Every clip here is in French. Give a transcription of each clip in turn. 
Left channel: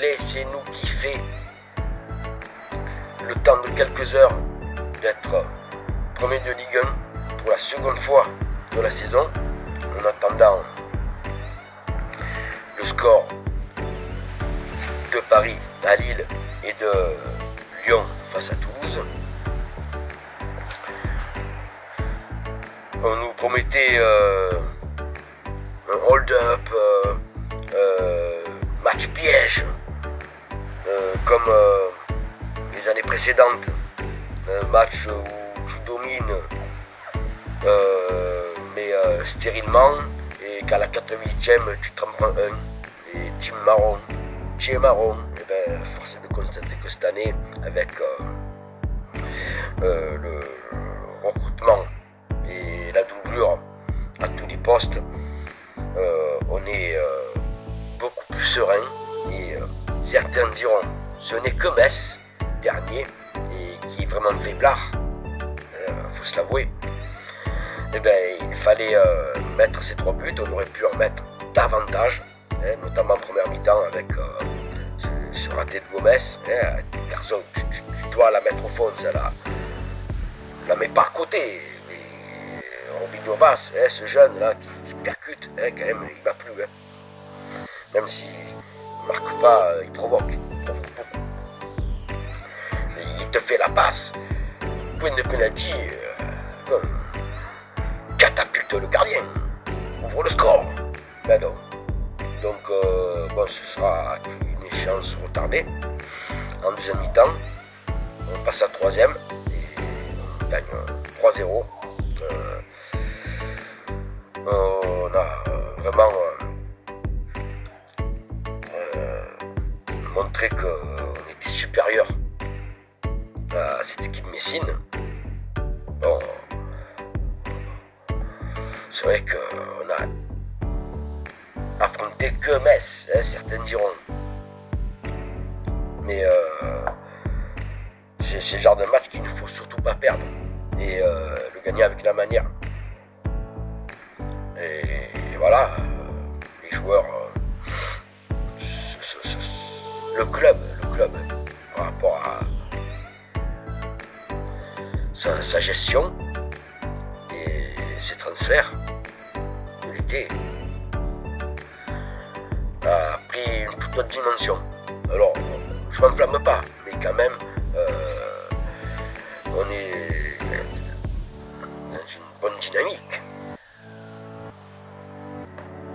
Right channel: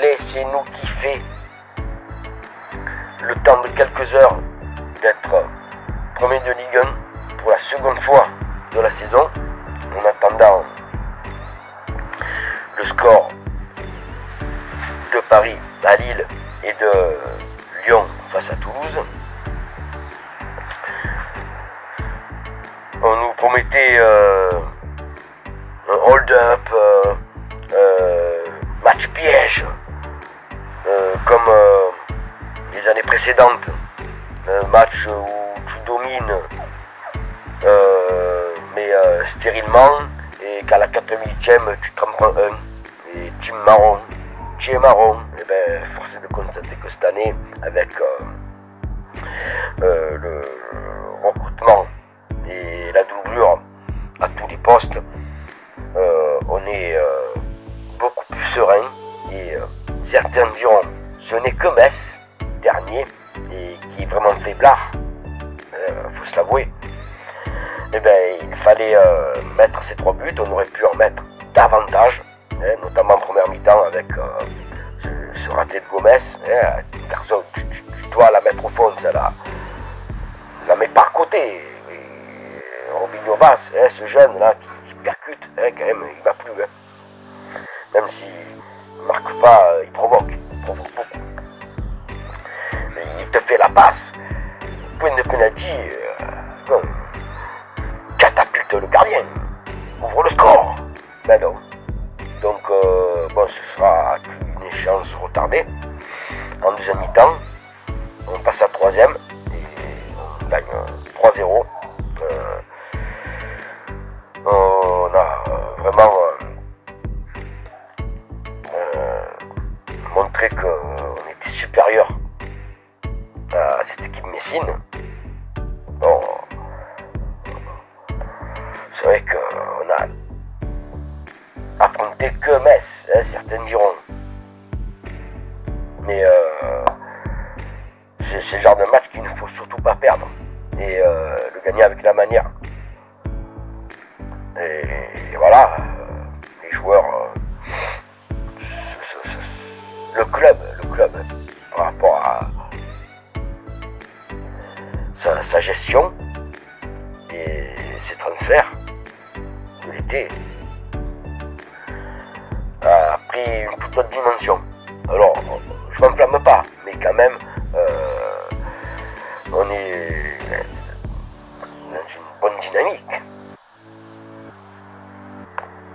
laissez-nous kiffer le temps de quelques heures d'être premier de Ligue 1 pour la seconde fois de la saison, en attendant le score de Paris à Lille et de Lyon face à Toulouse. On nous promettait un hold-up, match piège, comme les années précédentes, un match où tu domines, mais stérilement, et qu'à la 88e tu t'en prends un, et team marron, et ben force est de constater que cette année, avec le recrutement et la doublure à tous les postes, on est beaucoup plus serein, et certains diront ce n'est que Metz, dernier, et qui est vraiment faiblard, faut se l'avouer. Et ben il fallait mettre ces 3 buts, on aurait pu en mettre davantage, notamment en première mi-temps avec ce raté de Gomez. Personne, tu dois la mettre au fond, celle-là. La mets par côté. Robinho Bass, ce jeune là qui percute, quand même, il va plus. Même s'il ne marque pas, il provoque beaucoup. Il te fait la passe, point de penalty, catapulte le gardien, ouvre le score. Ben non. Donc bon, ce sera une échéance retardée. En deuxième mi-temps, on passe à 3e et on gagne 3-0. On a vraiment montré qu'on était supérieur à cette équipe messine. Bon, c'est vrai qu'on a affronté que Metz, certains diront. Mais c'est le genre de match qu'il ne faut surtout pas perdre. Et le gagner avec la manière. Et voilà, les joueurs, le club, par rapport à sa gestion et ses transferts de l'été, a pris une toute autre dimension. Alors, je m'enflamme pas, mais quand même, on est dans une bonne dynamique.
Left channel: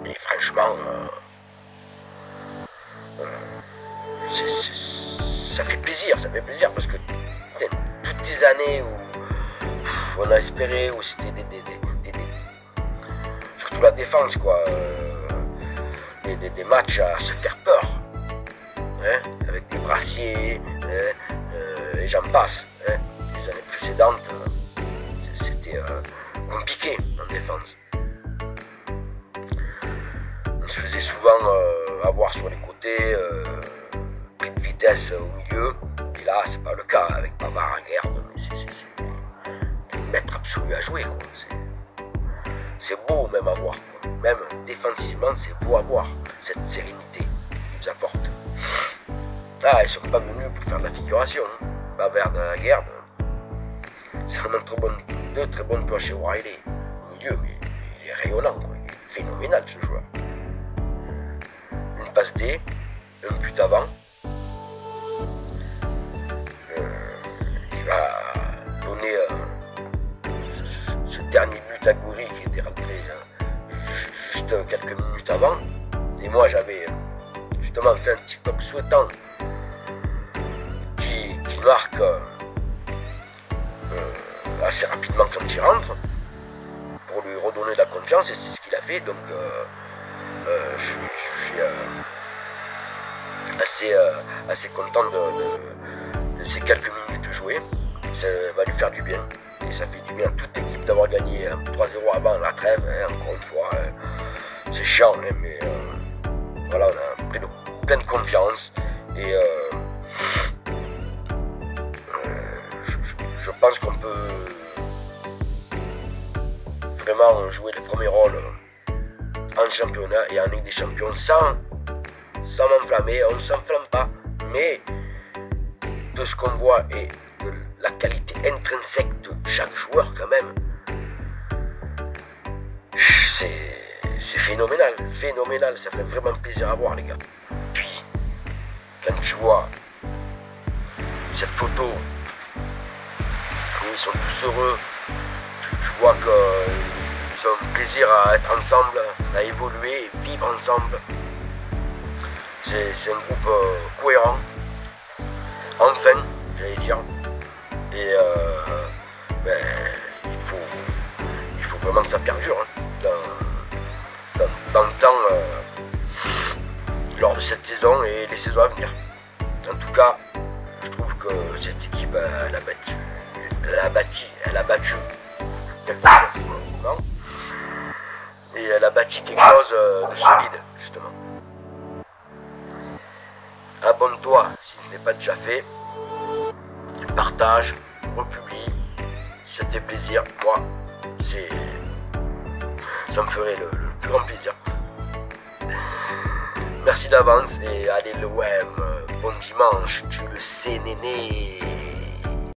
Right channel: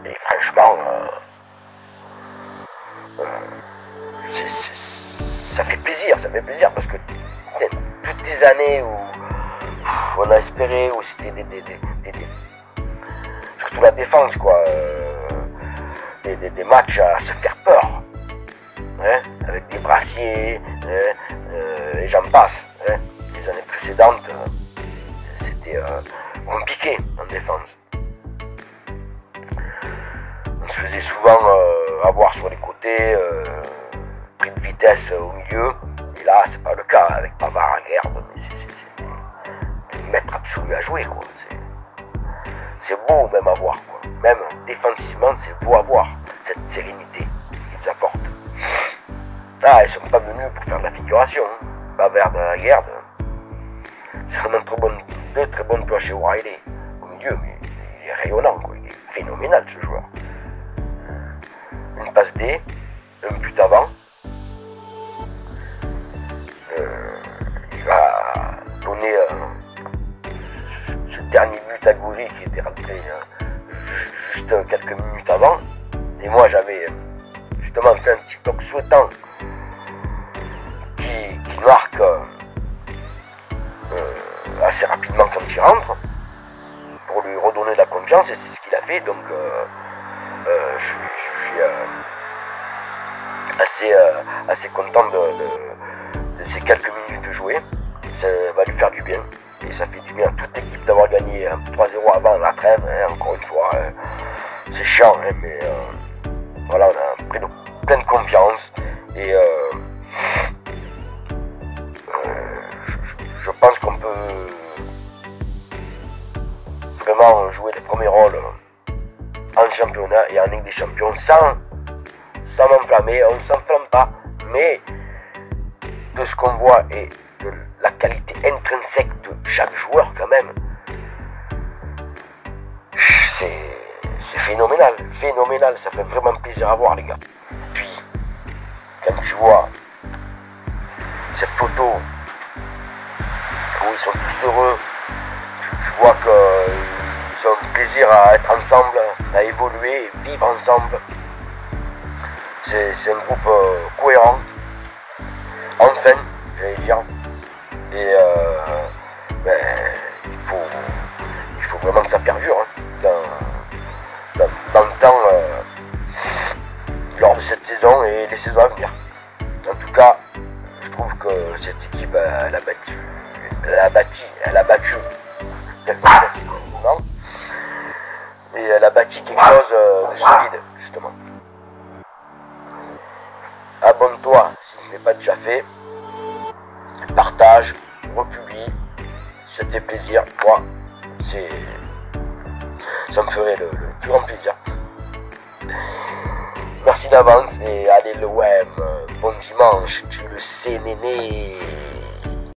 Et franchement, ça fait plaisir parce que toutes ces années où on a espéré, où c'était surtout la défense, quoi, des matchs à se faire peur, avec des brassiers, et j'en passe. Les années précédentes, c'était compliqué en défense. On se faisait souvent avoir sur les côtés, pris de vitesse au milieu, et là c'est pas le cas avec Pavard à Guerre, mais c'est le maître absolu à jouer, quoi. C'est beau même à voir, quoi. Même défensivement c'est beau à voir, cette sérénité qu'ils nous apportent. Ah, ils sont pas venus pour faire de la figuration, Pavard à Guerre, c'est vraiment deux très bonnes planches chez O'Reilly au milieu, mais il est rayonnant, quoi. Il est phénoménal ce joueur. Une passe D, un but avant. Il va donner ce dernier but à Goury qui était rentré juste quelques minutes avant. Et moi j'avais justement fait un TikTok souhaitant qu'il marque assez rapidement quand il rentre pour lui redonner de la confiance, et c'est ce qu'il a fait. Donc je suis assez content de ces quelques minutes jouées. Ça va lui faire du bien, et ça fait du bien à toute l'équipe d'avoir gagné 3-0 avant la trêve, encore une fois. C'est chiant, mais voilà, on a pris de pleine confiance, et je pense qu'on peut vraiment jouer les premiers rôles en championnat et en Ligue des Champions à m'enflammer, on ne s'enflamme pas, mais de ce qu'on voit et de la qualité intrinsèque de chaque joueur quand même, c'est phénoménal, ça fait vraiment plaisir à voir les gars. Puis, quand tu vois cette photo où ils sont tous heureux, tu vois qu'ils ont plaisir à être ensemble, à évoluer, vivre ensemble. C'est un groupe cohérent, enfin, j'allais dire. Et il faut vraiment que ça perdure dans le temps, lors de cette saison et les saisons à venir. En tout cas, je trouve que cette équipe, elle a battu et elle a bâti quelque chose de solide, justement. Abonne-toi si ce n'est pas déjà fait, partage, republie, si ça te fait plaisir, moi, ça me ferait le plus grand plaisir. Merci d'avance et allez le web, bon dimanche, tu le sais néné.